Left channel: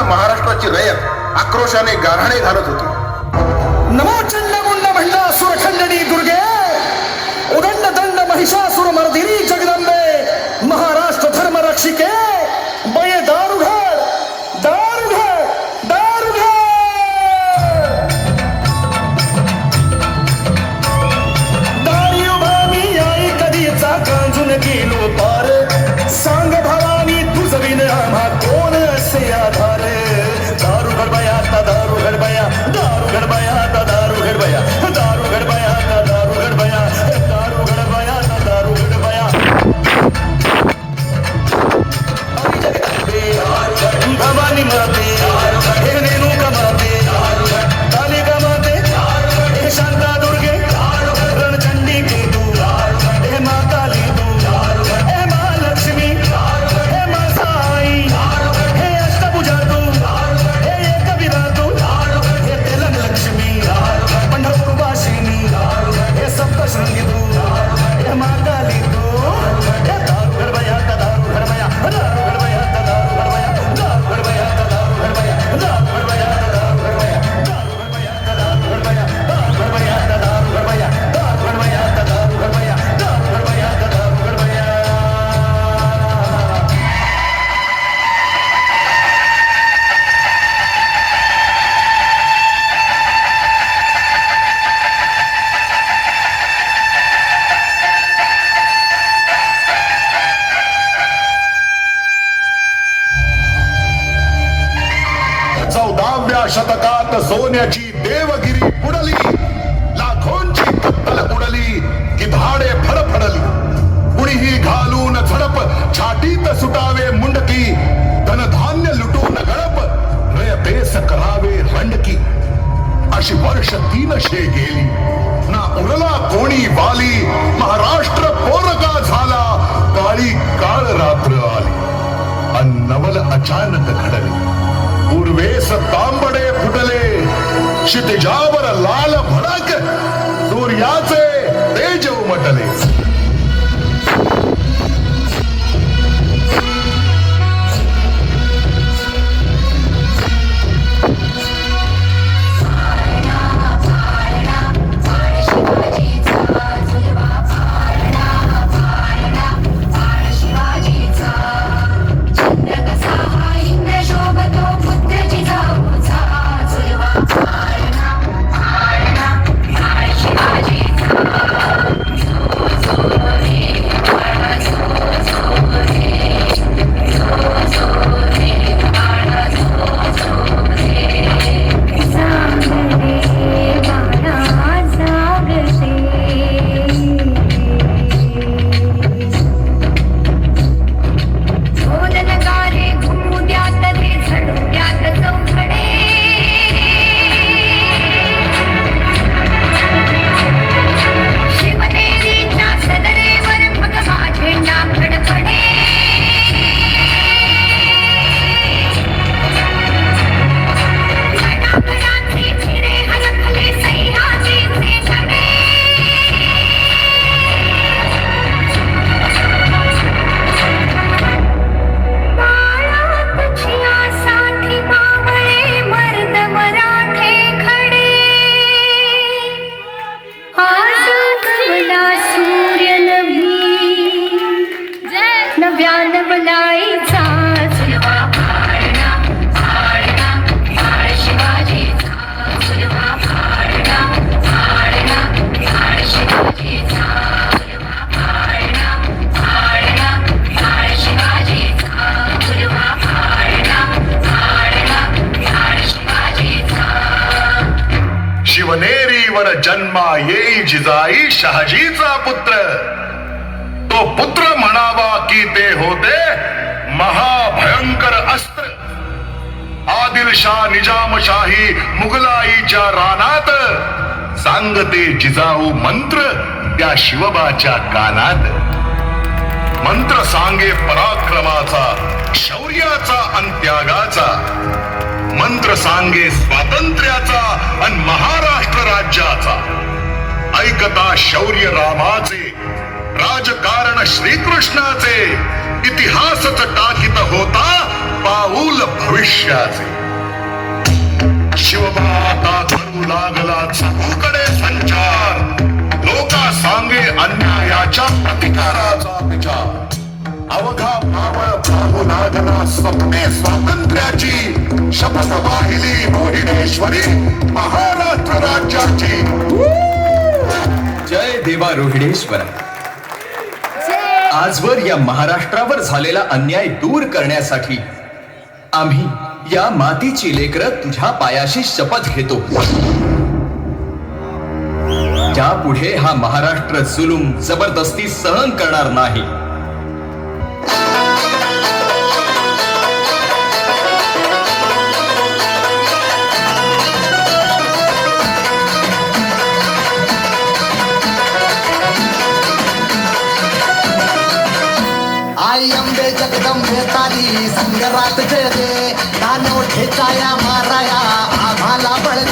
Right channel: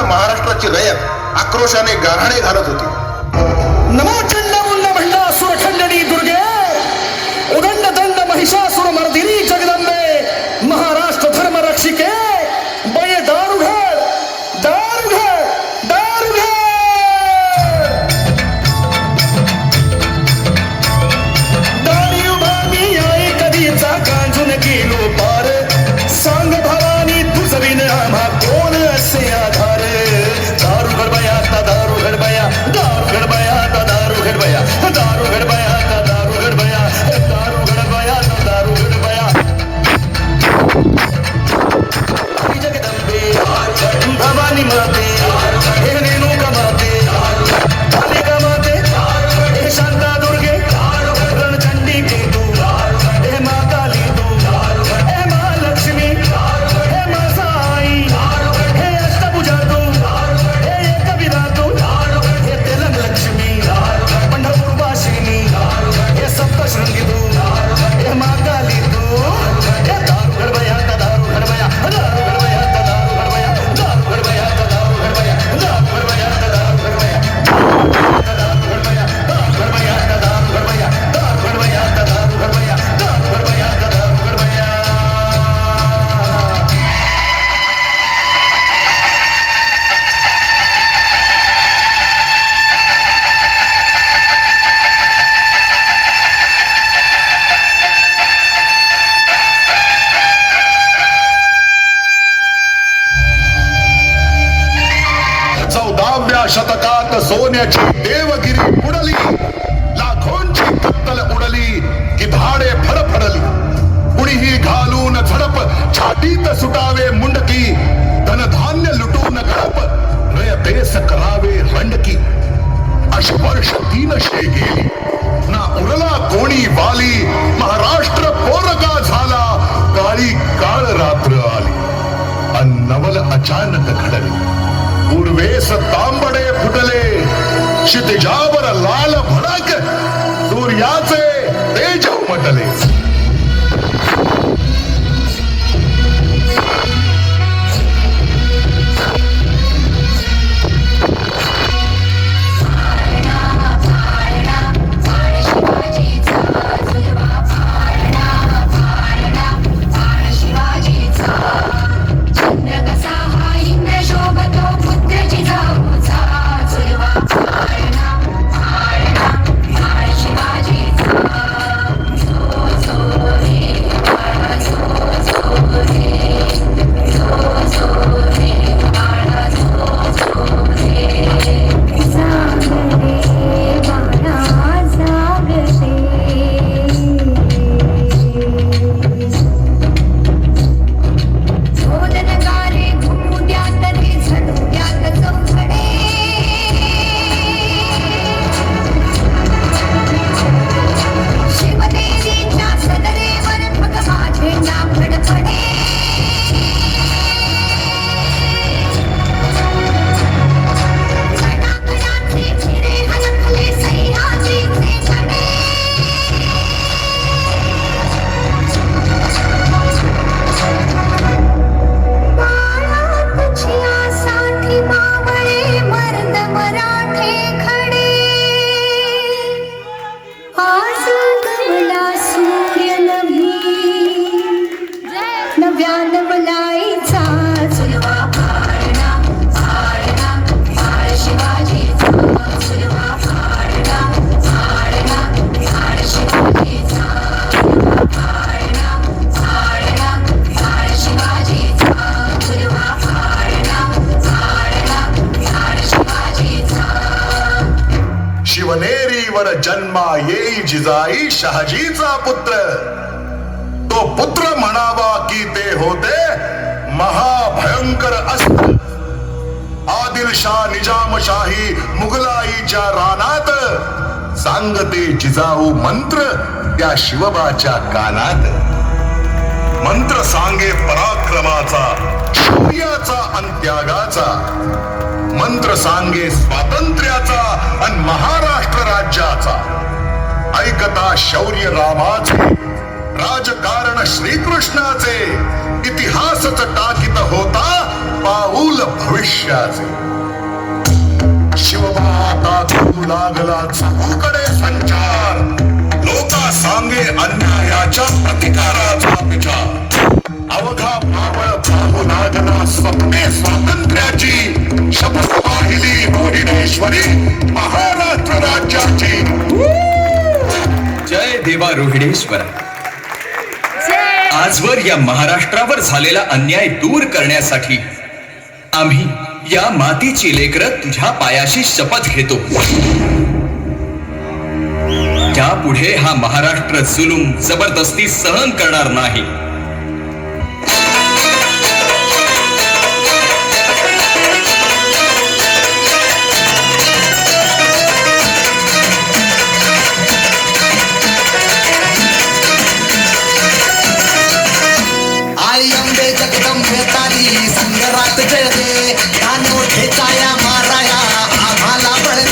संपूर्ण महाराष्ट्राची रयत आक्रोशाने गाऱ्हाणे घालत होती. नमोचंड मुंड महिला सुरखंडनी दुर्गे उदंड दंड महिषासुर मर्दिनी जगदंबे महाराष्ट्र धर्म रक्षिके. सुटावे मुंडकी धनधान्य लुटून गाप। नय रयतेस करावे हंडकी अश वर्ष तीनशे गेली। ना उरला कोणी बाली महाराष्ट्र पोरगा झाला। काळी काळ रात्र आली। अन्नवल अचानक घडले। पूर्वेस तांबडे फुटले। क्षितिजावर लाल भर शिवनेरीवर जन्मा येई जिजाई शहाजीचा पुत्र. पुत्र म्हणावा की ते होते महाभयंकर अस्त्र. आदिलशाह निजामशाही मुघलाईच्या रानात सांगते जिजाऊ मंत्र त्या शिवबाच्या कानात. मंत्र सांगे पराक्रमाचा शौर्याचा आणि त्यागाचा. मंत्र सांगे स्वातंत्र्याचा आणि महाराष्ट्र राज्याचा. ऐकता शौर्य रामाचे राजकारण श्रीकृष्णाचे इतिहासच टाकित होता पाऊल भविष्याचे. लागला चहूकडे संचार लोका सांगे अन्यायाच्या प्रतिकाराचा विचार. अवघा मावळ पाहू लागला स्वप्ने स्वातंत्र्याची शपथ वाहिली मोहिनेश्वरी महाराष्ट्र राज्याची. जय देवा रोहिणेश्वर आजवर या महाराष्ट्रावर झालेला अन्याय दूर करण्यासाठी आम्ही या मातीची लेकरं तुझ्या पायाशी शपथ घेतो. त्यापुढे हा महाराष्ट्र जुलूम जबरदस्ती सहन करणार नाही.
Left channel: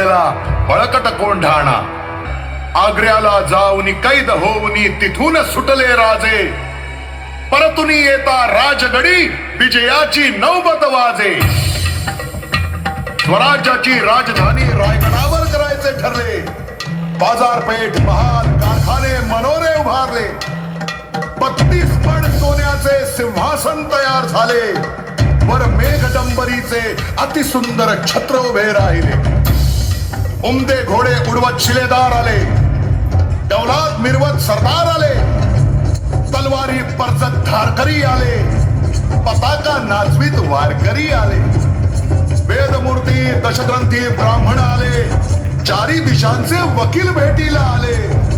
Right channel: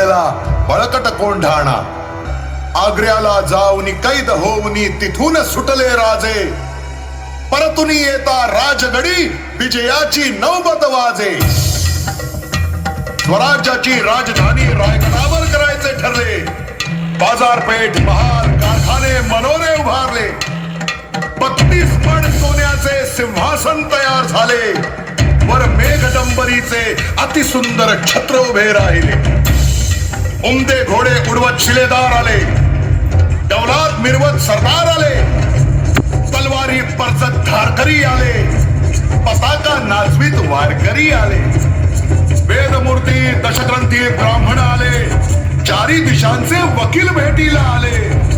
अलगद बळकट कोंढाणा. आग्र्याला जाऊनी कैद होऊनी तिथून सुटले राजे. परतुनी येता राजगडी विजयाची नौबत वाजे. स्वराज्याची राजधानी रायगडावर करायचे ठरले. बाजारपेठ महाल कारखाने मनोरे उभारले. बत्तीस पण सोन्याचे सिंहासन तयार झाले. वर मेघडंबरीचे अतिसुंदर छत्र उभे राहिले. उमदे घोडे उडवत शिलेदार आले. डौलात मिरवत सरदार आले. तलवारी परचत धारकरी आले. पताका नाचवीत वारकरी आले. वेदमूर्ती दशग्रंथी ब्राह्मण आले. चारी दिशांचे वकील भेटीला आले.